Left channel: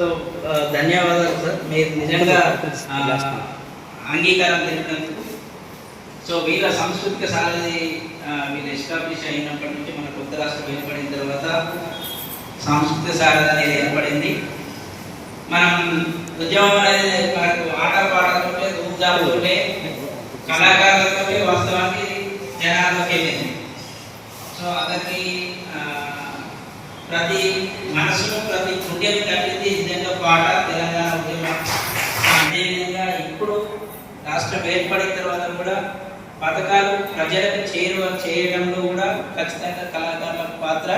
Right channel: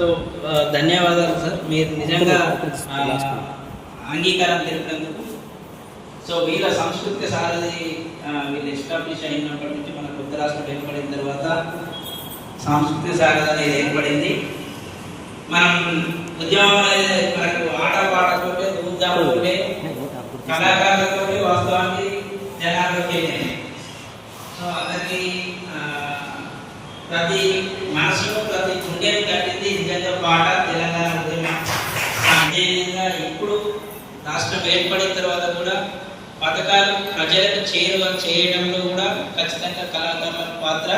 So ధన్యవాదాలు sir, మీరు నిజంగా అంగీకారం తెలిపినందుకు. సో వీళ్ళ సాంస్కృతిక సారథి వీళ్ళు ఎస్టాబ్లిష్ అయినప్పటి నుంచి మన కొత్త రాష్ట్రం ఏర్పడిన తర్వాత సాంస్కృతిక సారథి అనేది ఏర్పడింది. మనం ఉద్యమం అనేది మనకు ఆట పాటతోటే ధూమ్ధాముతోటే కళాకారులతోటే వాస్తవానికి జనాల్లోకి వెళ్ళింది. సో అతనికి ప్రతి మనసులో ప్రతి గుండెని కట్టింది నిజంగా పాట తెలంగాణ ఉద్యమం. అదేవిధంగా ఇప్పుడు రాష్ట్రం ఏర్పడిన తర్వాత కూడా పథకాలు ప్రజలకు చేరువ చేయడంలో కూడా ఖచ్చితంగా కళాకారుల పాత్ర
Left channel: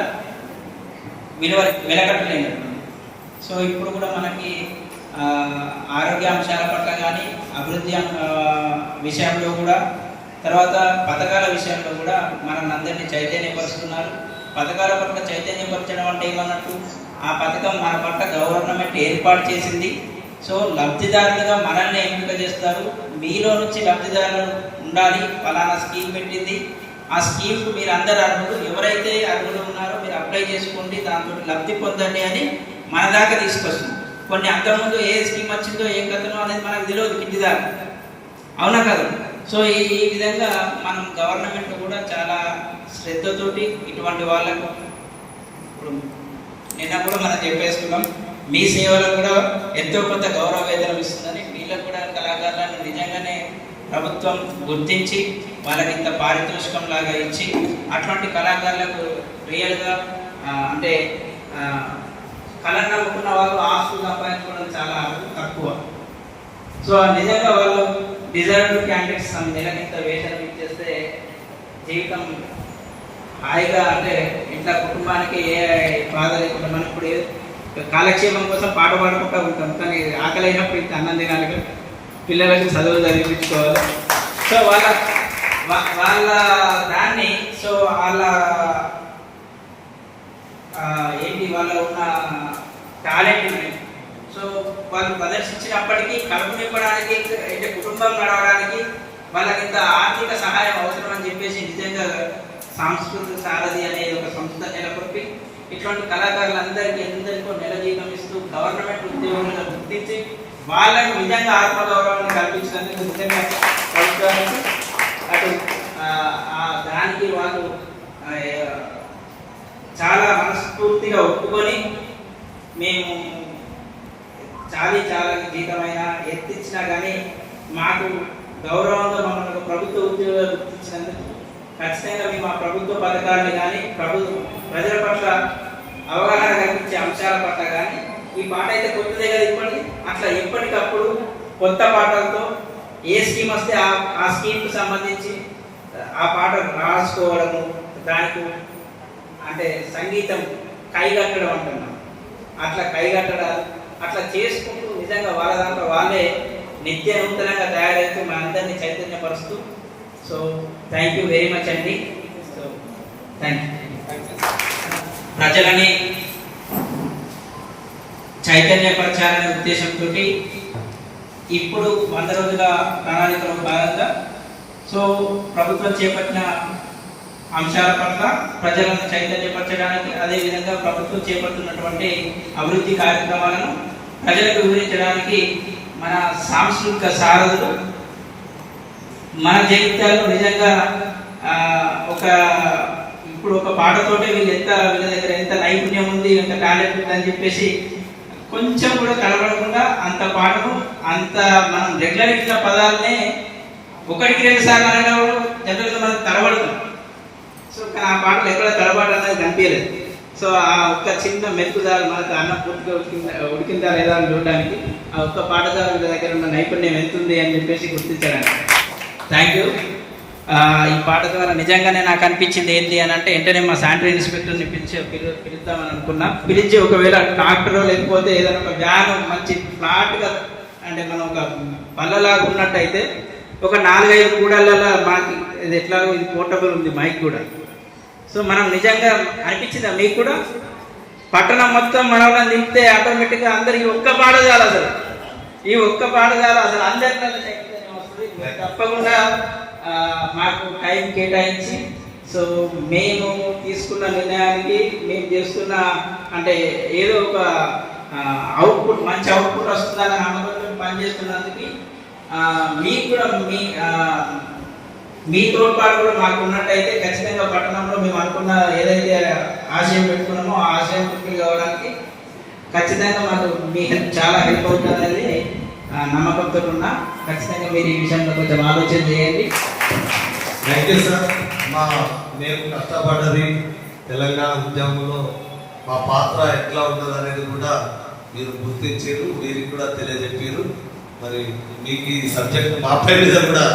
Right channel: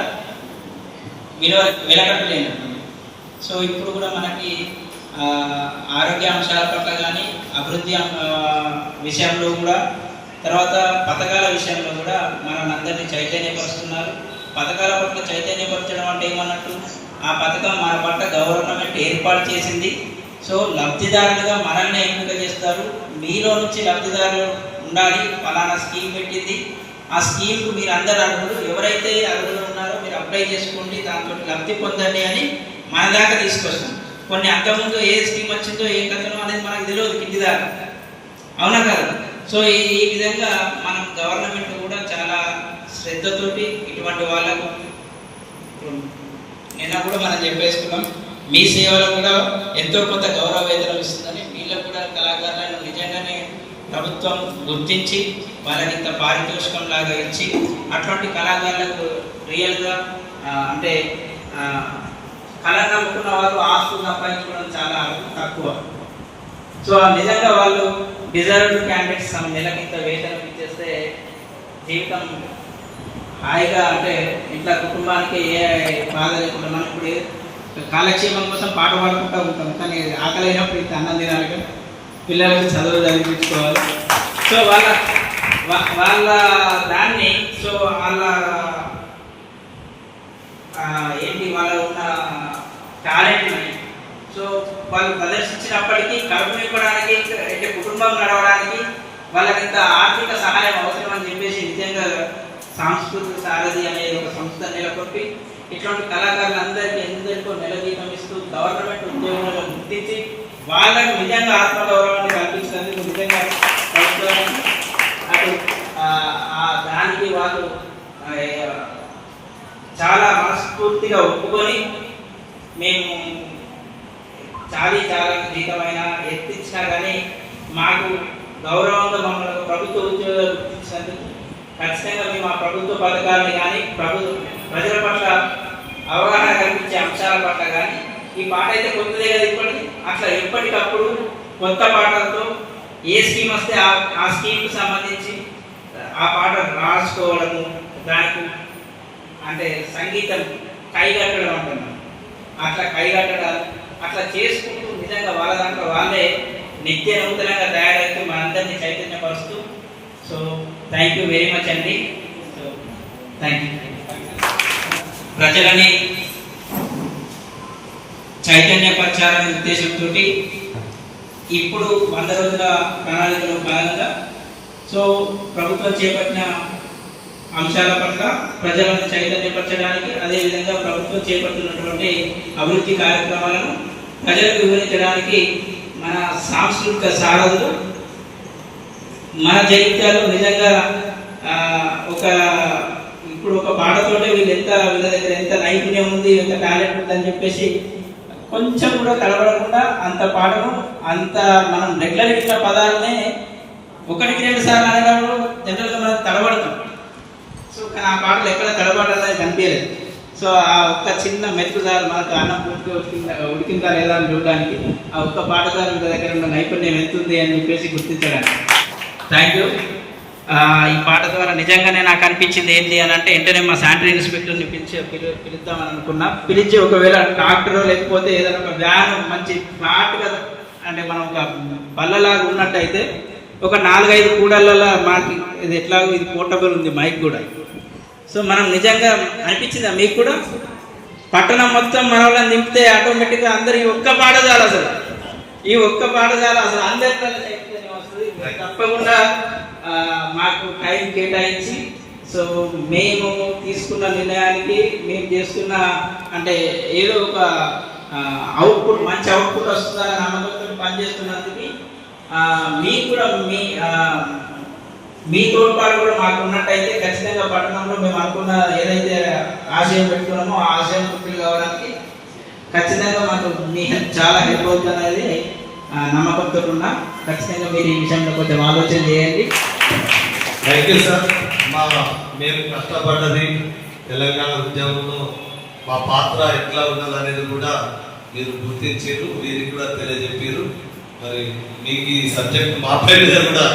వెలకట్టలేనట్టు. సో ఇప్పుడు కూడా మనకి ఆరోగ్య అంశాల పట్ల కానీ అభివృద్ధి విషయంలో కూడా తర్వాత పథకాల విషయంలో కూడా మనల్ని అందరినీ చైతన్యపరుస్తున్నారు. పథకాల పట్ల చైతన్యపరచడం అంటే ఏమన్నట్టు, ఆ పథకం మన పట్ల గవర్నమెంట్ ఏర్పాటు చేసింది. సో లబ్ధిదారులుగా మనల్ని ఎంపిక చేస్తారు. మీలో నుంచి లబ్ధిదారులు ఉండాలి, ఫలానా స్కీమ్ పెట్టింది, ఆ స్కీమ్కు మీరు అందరు అర్హులు, ఎవరైతే అర్హులు ఉన్నారో మీరు అప్లై చేసుకోండి, దాంతో లబ్ధి పొందండి అని మన దాకా తీసుకొస్తాం. కొన్ని అంతకుముందు ఏ స్కీమ్ వచ్చిందో ఏ కథనో అనేది మనకు తెలియదు కింది దాకా, అవునా కదా. సో ఈ విధంగా మనం గవర్నమెంట్ కూడా చాలా శ్రద్ధతోటి ఇటువంటి వాళ్ళకు ఇప్పుడు నిన్న కూడా మనం చెప్పేసుకున్నాం, మీ సేవలు కూడా ఎంతో కొంత గౌరవ వేతనం ఇస్తుందని. వీళ్ళకు కూడా కళాకారులను నిజంగానే ప్రభుత్వం గుర్తించి వాళ్ళకి ఇంత పారితోషికం లాగా ఇచ్చి అటువంటి కళాకారులకు రియల్గా అంటే కళను నమ్ముకున్న వాళ్ళు ఆస్తులు సంపాదించుకోవడం చాలా తక్కువ. సో నిజంగా వాళ్ళు డిజర్వ్డ్ క్యాండిడేట్స్ నెలకింత వేతనం ఇచ్చేస్తే జీవితం హాయిగా అంటే ఇంట్లో కుటుంబానికి ఏ బాధ లేకుండా. మనం ఇప్పుడు కాలక్షేపం కోసం పాట పాడుకుంటూ ఉంటాం, కానీ ఆకలి అయినప్పుడు ఇంత అన్నం తినాలి, పిల్లలకి చదువు చదివించుకోవాలి. సో వాళ్ళ దాన్ని సో వాళ్ళ ఏంటి వాళ్ళ ఉన్న టాలెంట్ని సో వాళ్ళు ప్రదర్శించినప్పటికీ కడుపు నింపడానికి అంటే కుటుంబం నడవడానికి వాళ్ళకి ఇంత ఆర్థిక సహాయం అవసరం అని చెప్పేసి నిజంగా సాంస్కృతిక సారథి అనేది ఒక సంస్థ నెలకొల్పి ఇటువంటి కళాకారులందరికీ ఎందరికో నెల జీతం ఇస్తూ గవర్నమెంట్ ఉద్యోగులను గుర్తించి వాళ్ళకు నిజంగా ఆత్మగౌరవాన్ని కల్పించినందుకు నిజంగా ప్రభుత్వానికి అటు దానికి వాళ్ళు చాలా మనస్ఫూర్తిగా ఒప్పుకొని మేము చాలా జీతమైన ఎత్తించినా కానీ మాకు గౌరవంగా మమ్మల్ని ప్రభుత్వ ఉద్యోగాలు గుర్తించినందుకు ఖచ్చితంగా మేము ఆ ప్రభుత్వ పథకాలను కానీ ప్రజల పట్ల అవగాహన కల్పించే అంశాల పట్ల కానీ ఈ పాట అయితే కొత్తదే కదా ఇప్పటికి అట్లా ఎప్పటికప్పుడు కొత్త పాటలతో ఏ స్కీమ్ వస్తే ఆ స్కీమ్కి సంబంధించి ఆ పాట రాసుకోవడము, దానికి అంటే సంగీతం కైగట్టడం అంటున్నాం, అట్లా కైగట్టడాలు అట్లా చేసుకుంటూ నిజంగా వాళ్ళ దాంట్లో వాళ్ళే నిత్య నూతనంగా తయారైతూ మనందరినీ చైతన్యపరుస్తూ. So thank you very much అండి. So thank you. ప్రజలని చైతన్యపరచాలనే ఉద్దేశంతో ఇప్పుడు 100 రోజుల ప్రణాళికలో భాగంగా సో ప్రభుత్వం చేపట్టిన అంశాల పట్ల ప్రజలను చైతన్యపరచడానికి, అదేవిధంగా ప్రభుత్వం చేపడుతున్నటువంటి అభివృద్ధి కార్యక్రమాలను ప్రజలకు వివరించడానికి మన సాంస్కృతిక సారథులు మన జగిత్యాలలో నిజంగా ఇప్పుడు ఒక పాటతోటే వీళ్ళ దగ్గర ఎంత నైపుణ్యం ఉంది, ఎంత టాలెంట్ ఉంది అని చెప్పేసి కొంచెం కూడా తడబడకుండా అంత పాటను అంత మనం రెగ్యులర్ ఇచ్చిన పదాలనే 1-2 సార్లు అనేటప్పుడు జనరల్గా మనం తడబడతాం. సో కానీ ఆ పాటలు ఎక్కడ తడబడాలనేది కనిపించలేదు. సో ఆ ఒక్క చిన్న మెతుకుదారు మనకు అన్నం పూర్తిగా ఉడికిందా లేదా అని చూడడానికి ఆ ఒక్క పాటదారు దగ్గర ఉన్న నైపుణ్యం ఎంత ఉంది అని చెప్పేసి గుర్తించడానికి థ్యాంక్ యూ. ఈ పాట ద్వారా నిజంగానే నాకు అనిపించింది ఏంటి అని అంటే వెంటనే మా శానిటరీ ఇన్స్పెక్టర్ని పిలుద్దామని అనుకున్నా. పిలిచి ఒకవేళ డాక్టర్ లేకపోతే ఏదైనా ఒక వ్యాన్ మంచి ఫ్లాట్గా అంటే మనం ఒక బల్లలాగా ఉన్నట్టయితే ఒక 4-5 కూడళ్ళ మనకి ఇది ఎట్లాగో ఇది పోర్టబుల్ ఉంది మైక్ కూడా. సో మనం నిజంగా అనిపించిందా మీకు కూడా? పట్టణం మొత్తం మన వాళ్ళని నింపితే ఆటోమేటిక్గా అందరు ఈ ఒక్క పాఠశాల అసలు అందరికీ వస్తుంది. తప్పకుండా మాకు టైం కేటాయించి సో మేము తీసుకున్న నిర్ణయానికి మేము చేస్తున్న అంటే ఏదో ఒక అవుట్పుట్ మంచి అవుట్పుట్ వస్తుందని నమ్మకంతో పనిచేస్తున్నందుకు మీకు కూడా మీ తోడ్పాటు కూడా మాకు ఉన్నట్టయితే ఖచ్చితంగా పట్టణంలో మేము అనుకున్న ఏదైతే ఆశయం పెట్టుకున్నామో ఆ ఆశయం పూర్తి కావడానికి ఖచ్చితంగా మాకు మీ చాలా హెల్ప్ అవుతుంది అనేది నమ్మకంతో ఉన్నా. ఖచ్చితంగా మీరు ఈ విషయంలో కొంచెం ఆలోచన చేయండి. Thank you sir. మేము కష్టపడ్డది తెలంగాణ ఉద్యమంలో మా పాత్ర ఎట్లా ఉన్నది అనేది కూడా మీరు గుర్తించారు, వీరికి కూడా తెలియజెప్పారు. మరి మీకు ఈ సబ్జెక్ట్ మాపై మీద కూడా